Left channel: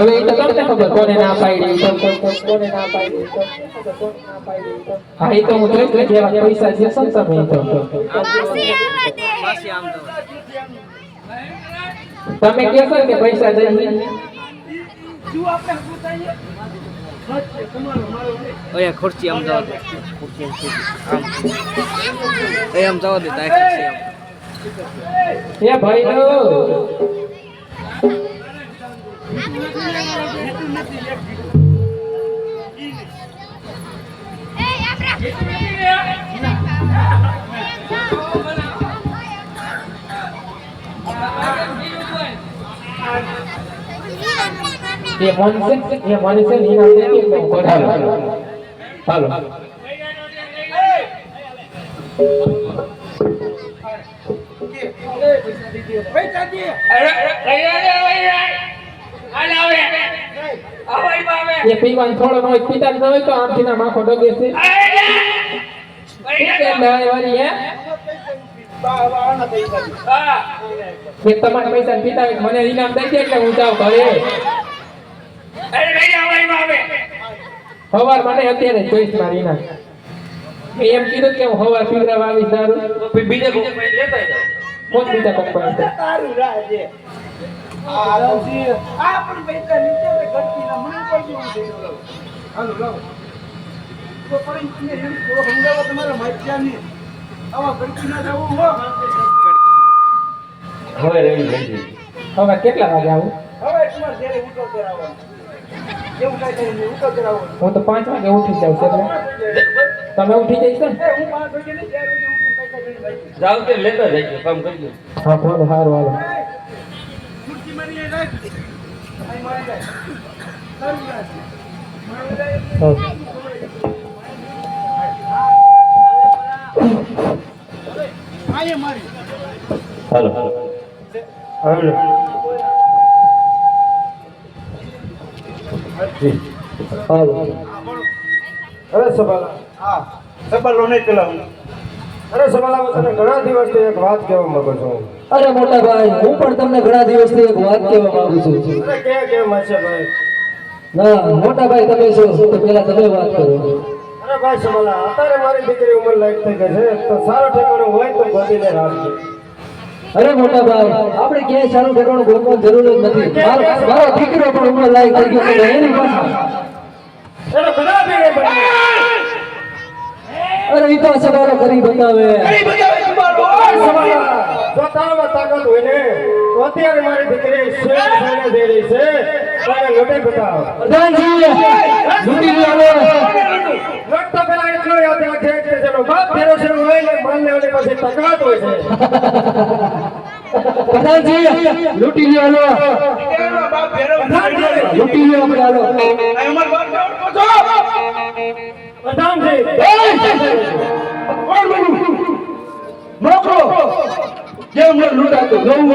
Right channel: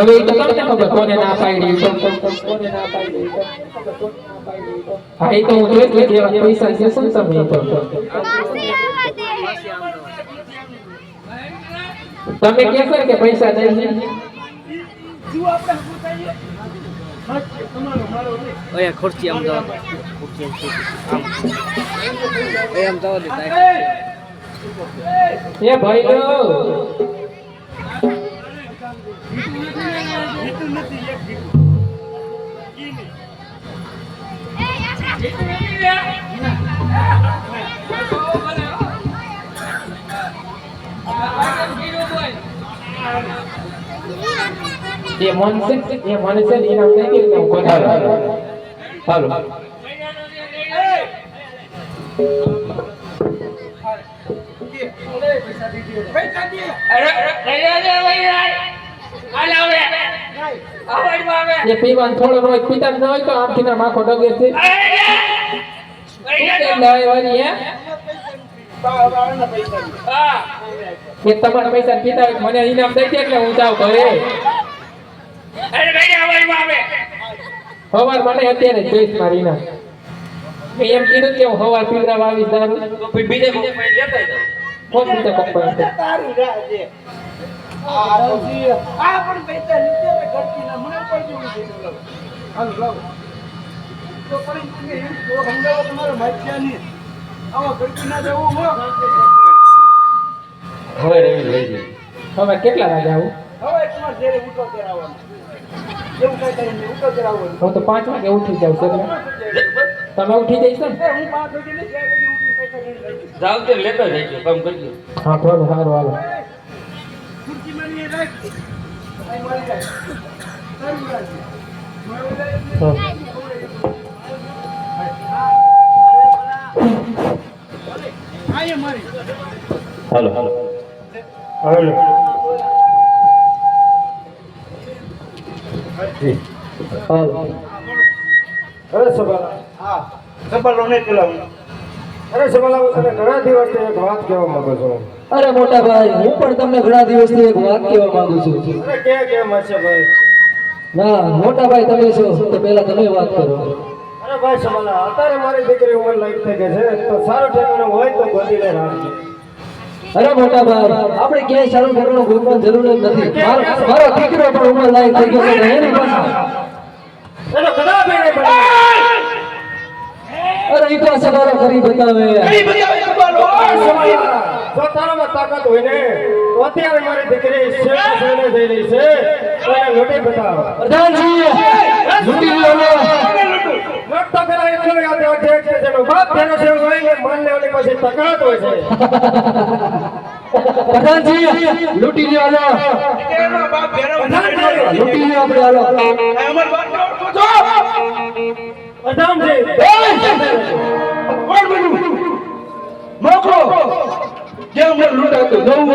હવે એ તો તમને ખબર કોને ના પાડી કોને ના પાડી હા એ તો હું જોઈ કે જેવા પૈસા જે છે ને તમે તો તમે કહેશો કે પૈસા દઈ જો આપણે હકુ થઈએ તમારો મારો લે ઓય ખુરશી આમ જાવ ખુરશી આમ એ આમ જાવ દે એ ભાઈ તો નથી એક જીતું ये मन से नीना दे के ऊपर हेलो पैसा दे ये पीवान थोड़ो नो पीता न होय तो आंखी ना माखो डगे छे के लाय वाली है કે તમારા પૈસા પીતા હોય મને ઇનામ દઈ દે એટલે હું જાઉં ઘરે અરે ભાઈ અમારી આવે સવાર મને અત્યારે જોઈશ મારી ઇનામ મેં એમ કીધું કે હું સવાર પીવડાવવા આવીશ દારૂ તો પછી બીજે કોઈ લેતા જાવ કોણ બીજા પપ્પા છે તારું રાજે આ પણ પૈસા નીચે ઘરથી ના મને કોઈ જેવું છે હાલો લાવ તો પણ તમે એમ થોડો સમજાવો તમારા માથ્યાની આવા ઘરથી ના જવું હો હવે રેડી લઈ હવે કેટલા વાગે આવું હવે તમારે ઘરે ઉઠો કરાવવાનું એવું કઈ કરે નહીં ઉઠો કરાવવાનું હું તો 5 વાગે ઉઠી જાઉં છું તમે ઉઠી જઈશ ને હું 5 વાગે ને 4 વાગે ઉઠી પૈસા લઈને રાખી જાવ તે લેતા જઈ કામ કરી હા બોલો સારું હારું ખુરશી મારી રાખ આઈ મારી જાય તારું રાખ મારું જાય આયે મારી હેલો હેલો અરે સવાલા હા સબલો નહીં પેલા અરે સવાલા હું તને ઘણા દિવસથી એક વાત કહેવા માંગુ છું. અરે મોટા ભાઈ હું પણ તમને ઘણા દિવસથી એક વાત કહેવા માંગુ છું અરે કેમ હશે ભાઈ? ના મોટા ભાઈ તમે છો તો પહેલા તમે વાત કરો અરે ભાઈ સવાલા અત્યારે મારી દીકરી ઉંમર લાયક થઈ ગઈ છે તો સારો ઠેકાણો હોય તો ગોતીને રાખજે. અરે મોટા ભાઈ આપણે ક્યાંય સારું ઠેકાણું ગોતવાની જરૂર જ નથી મારો દીકરો પણ ઉંમર લાયક થઈ ગયો છે એની પાસે એનો ખરાબ નહીં બને. અરે એ તો સવારો કરી બતાવે કઈ બતાવે તમારો જો તારામાં તાકાત હોય ને તો અત્યારે મારી દીકરી શેર થઈને જઈ રહી છે તો એને લૂંટી બતાવ. પ્રધાનજી લૂંટી લ્યો લૂંટતા પહેલા એટલો યાદ રાખજે કે જેનો બાપ ફેરે છે હોય ને માન લેવાની પછી તાકાત હોય છે. પ્રધાનજી લૂંટી લ્યો હાલો કેનો બાપ ભેરો લૂંટી લ્યો આપણે હાલો આ ઉમર બાપ છો પ્રધાનજી કોણ બન્યું મોકલો જે અમને લૂંટાતો જવું